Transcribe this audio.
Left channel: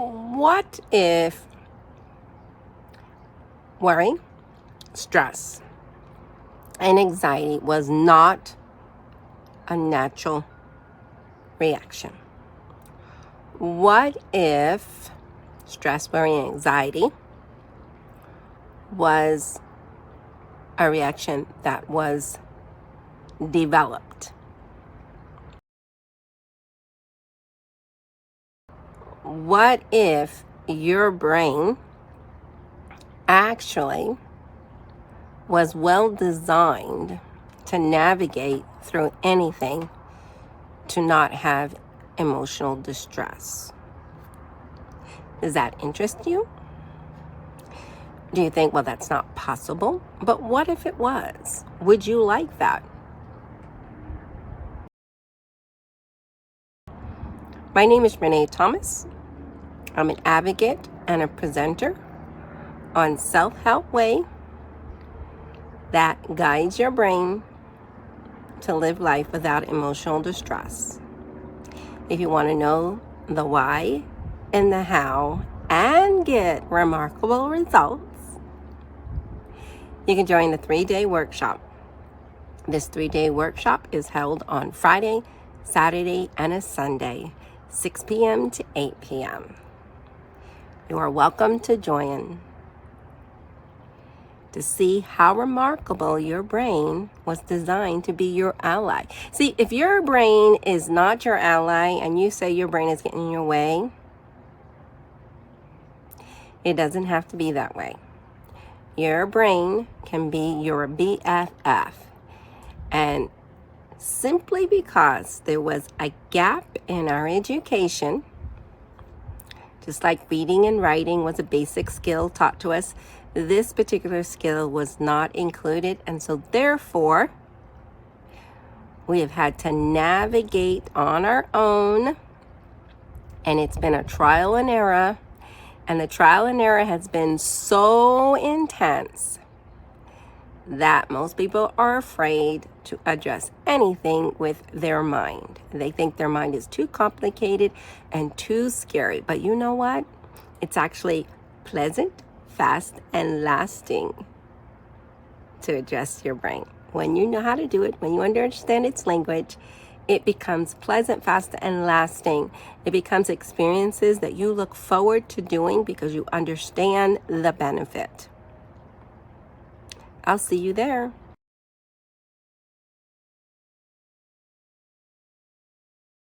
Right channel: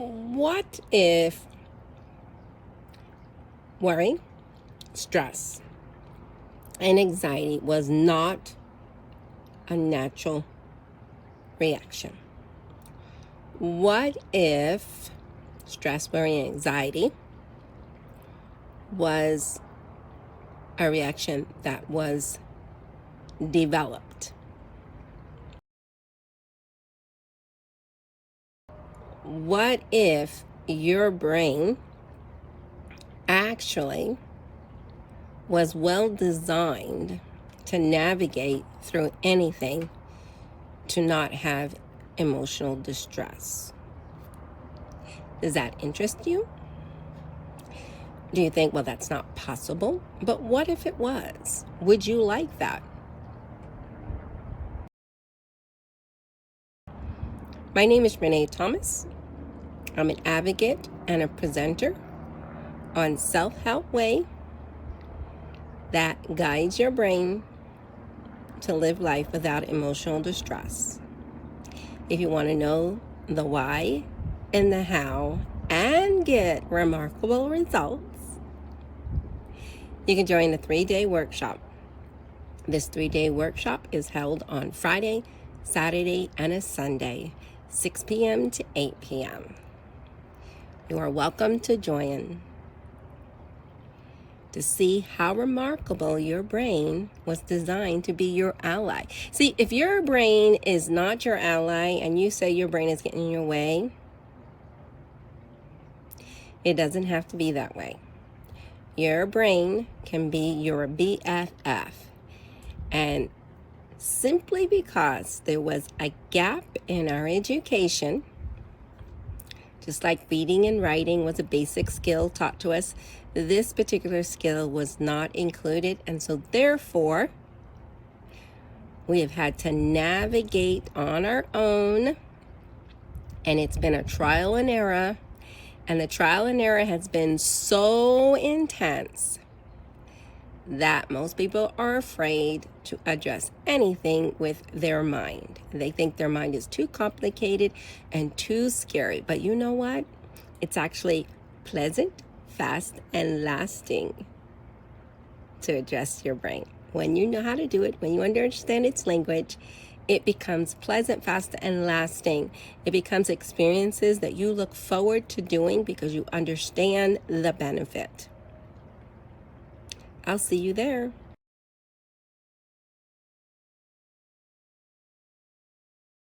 What if worry, stress, and anxiety was not a natural reaction? What if stress, worry, and anxiety was a reaction that was developed? What if your brain actually was well designed to navigate through anything to not have emotional distress? Does that interest you? Do you think, well, that's not possible? But what if it was? Would you like that? My name is Renee Thomas. I'm an advocate and a presenter on Self-Help Way that guides your brain to live life without emotional distress. If you want to know the why and the how and get remarkable results, you can join the 3-day workshop. This 3-day workshop is held on Friday, Saturday, and a Sunday, 6 p.m. to 8 p.m. You are welcome to join to see how remarkable your brain was designed to be your ally. See, if your brain is not your ally and you say your brain is getting in your way, it doesn't have to be that way. Your brain can be your BFF. And simply because there was a gap in our education, just like reading and writing was a basic skill taught to us, this particular skill was not included. And so therefore, we have had to navigate on our own. And it's been a trial and error. And the trial and error has been so intense that most people are afraid to address anything with their mind. They think their mind is too complicated and too scary. But you know what? It's actually pleasant, fast, and lasting to address your brain. When you know how to do it, when you understand its language, it becomes pleasant, fast, and lasting. It becomes experiences that you look forward to doing because you understand the benefit. I'll see you there.